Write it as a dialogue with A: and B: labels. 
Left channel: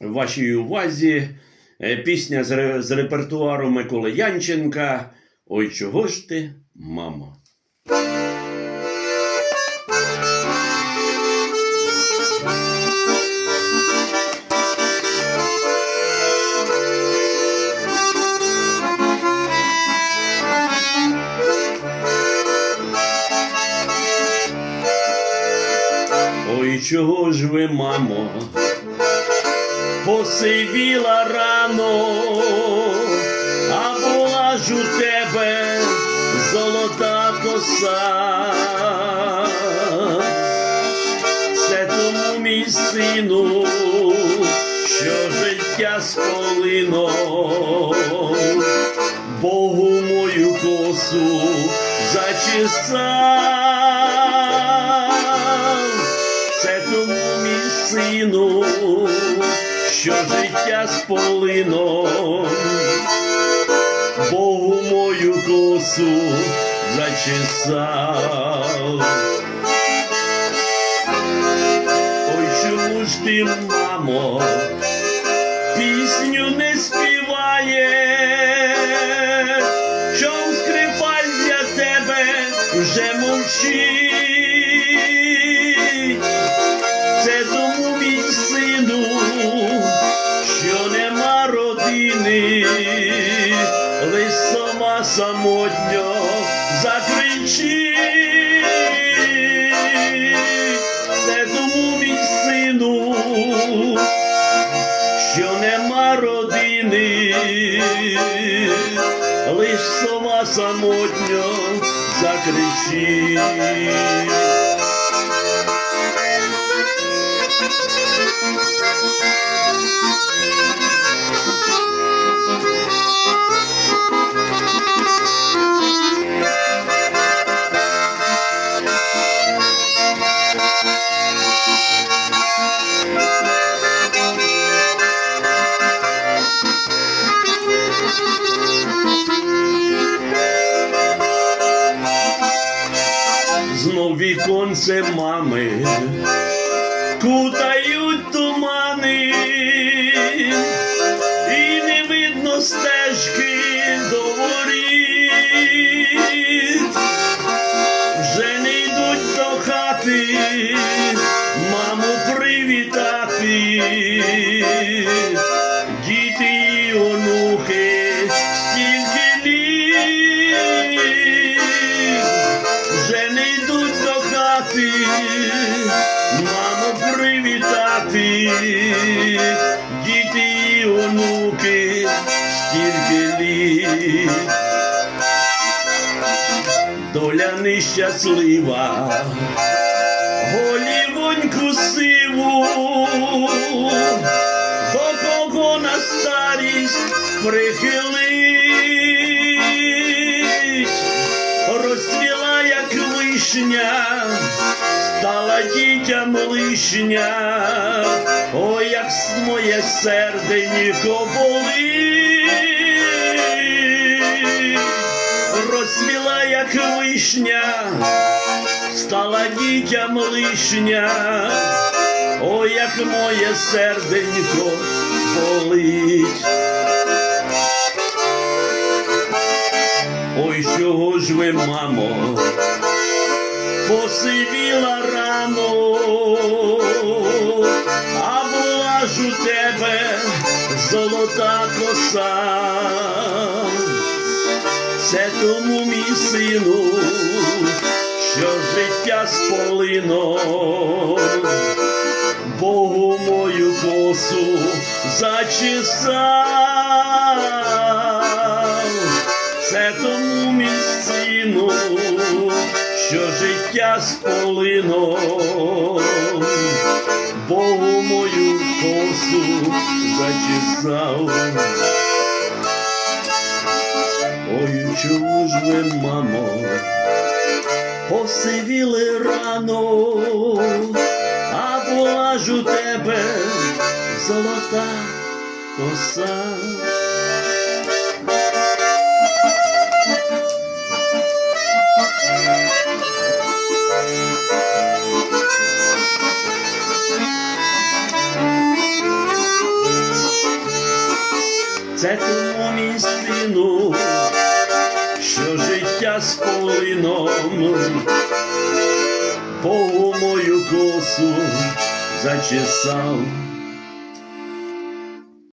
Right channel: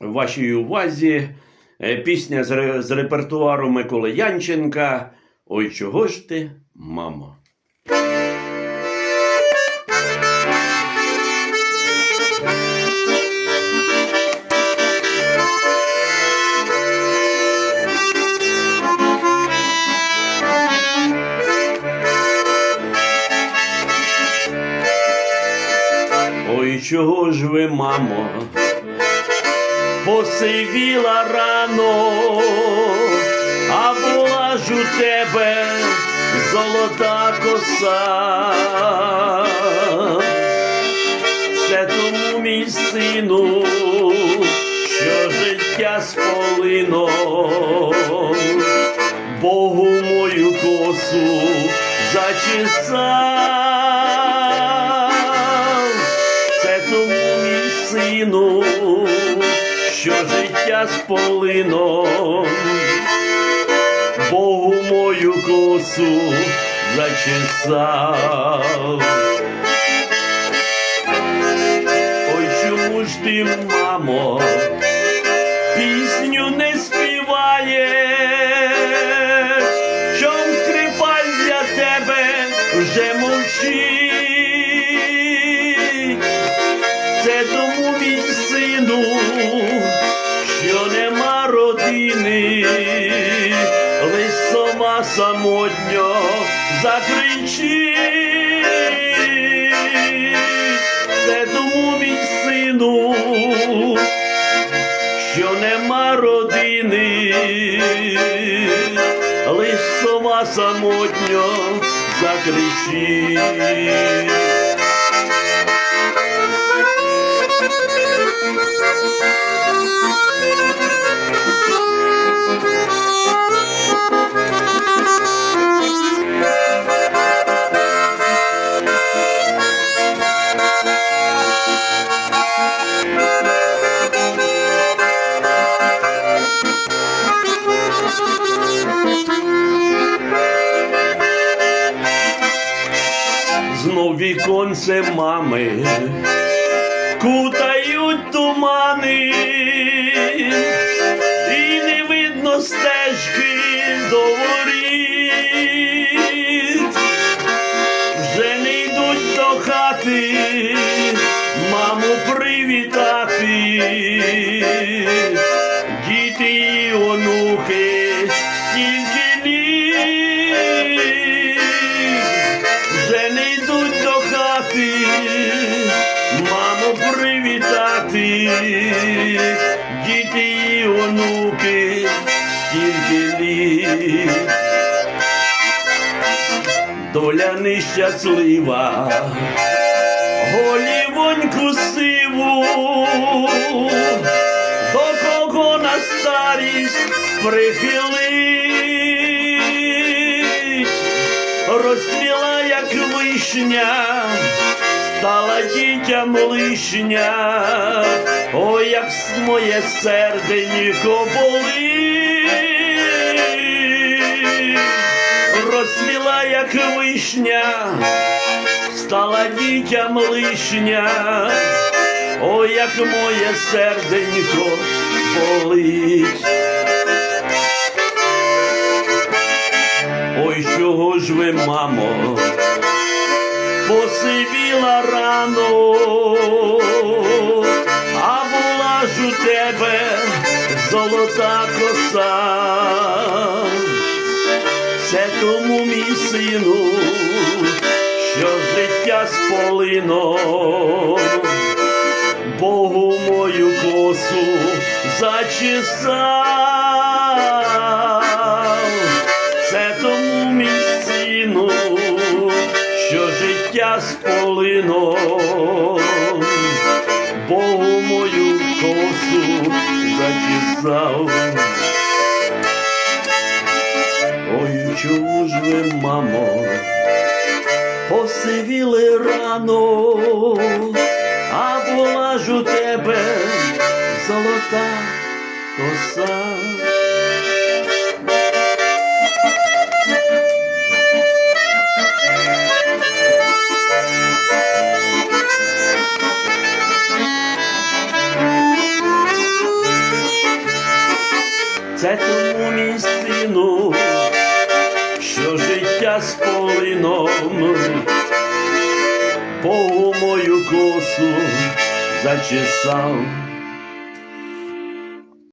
A: вашій увазі. Е, пісня з, ре- з репертуару Миколи Янченка. Ой, чого ж ти, мамо? Ой, чого ж ви, мамо, посивіла рано, а була ж у тебе золота коса. Це тому, мій сину, що життя сполино, Богу мою косу зачесав. Це тому, мій сину, що життя сполино, Богу мою косу зачесав. Ой, чому ж ти, мамо, пісню не співаєш, що скрипаль для тебе вже мовчить. Це тому, мій сину, родини, лиш сама самотньо закричить. Це тому, мій сину, що нема родини, лиш сама самотньо закричить. Віконце мами. Кутають діти і онуки, стільки літ. Доля нещаслива, голівоньку сиву, до кого на старість прихилить, розцвіла, як вишня, стала дітям лишня, ой, як моє серденько болить, розцвіла, як вишня, стала дітям лишня, ой, як моє серденько болить. Ой, чого ж ви, мамо, посивіла рано, тебе золота коса. Це тому, мій сину, що життя сполино, Богу мою косу зачесав. Це тому, мій сину, що життя сполино, зачесав. Ой, чому ж ви, мамо, посивіли рано, а була ж у тебе золота коса. Це тому мій сину, що життя з полином по мою косу зачесав.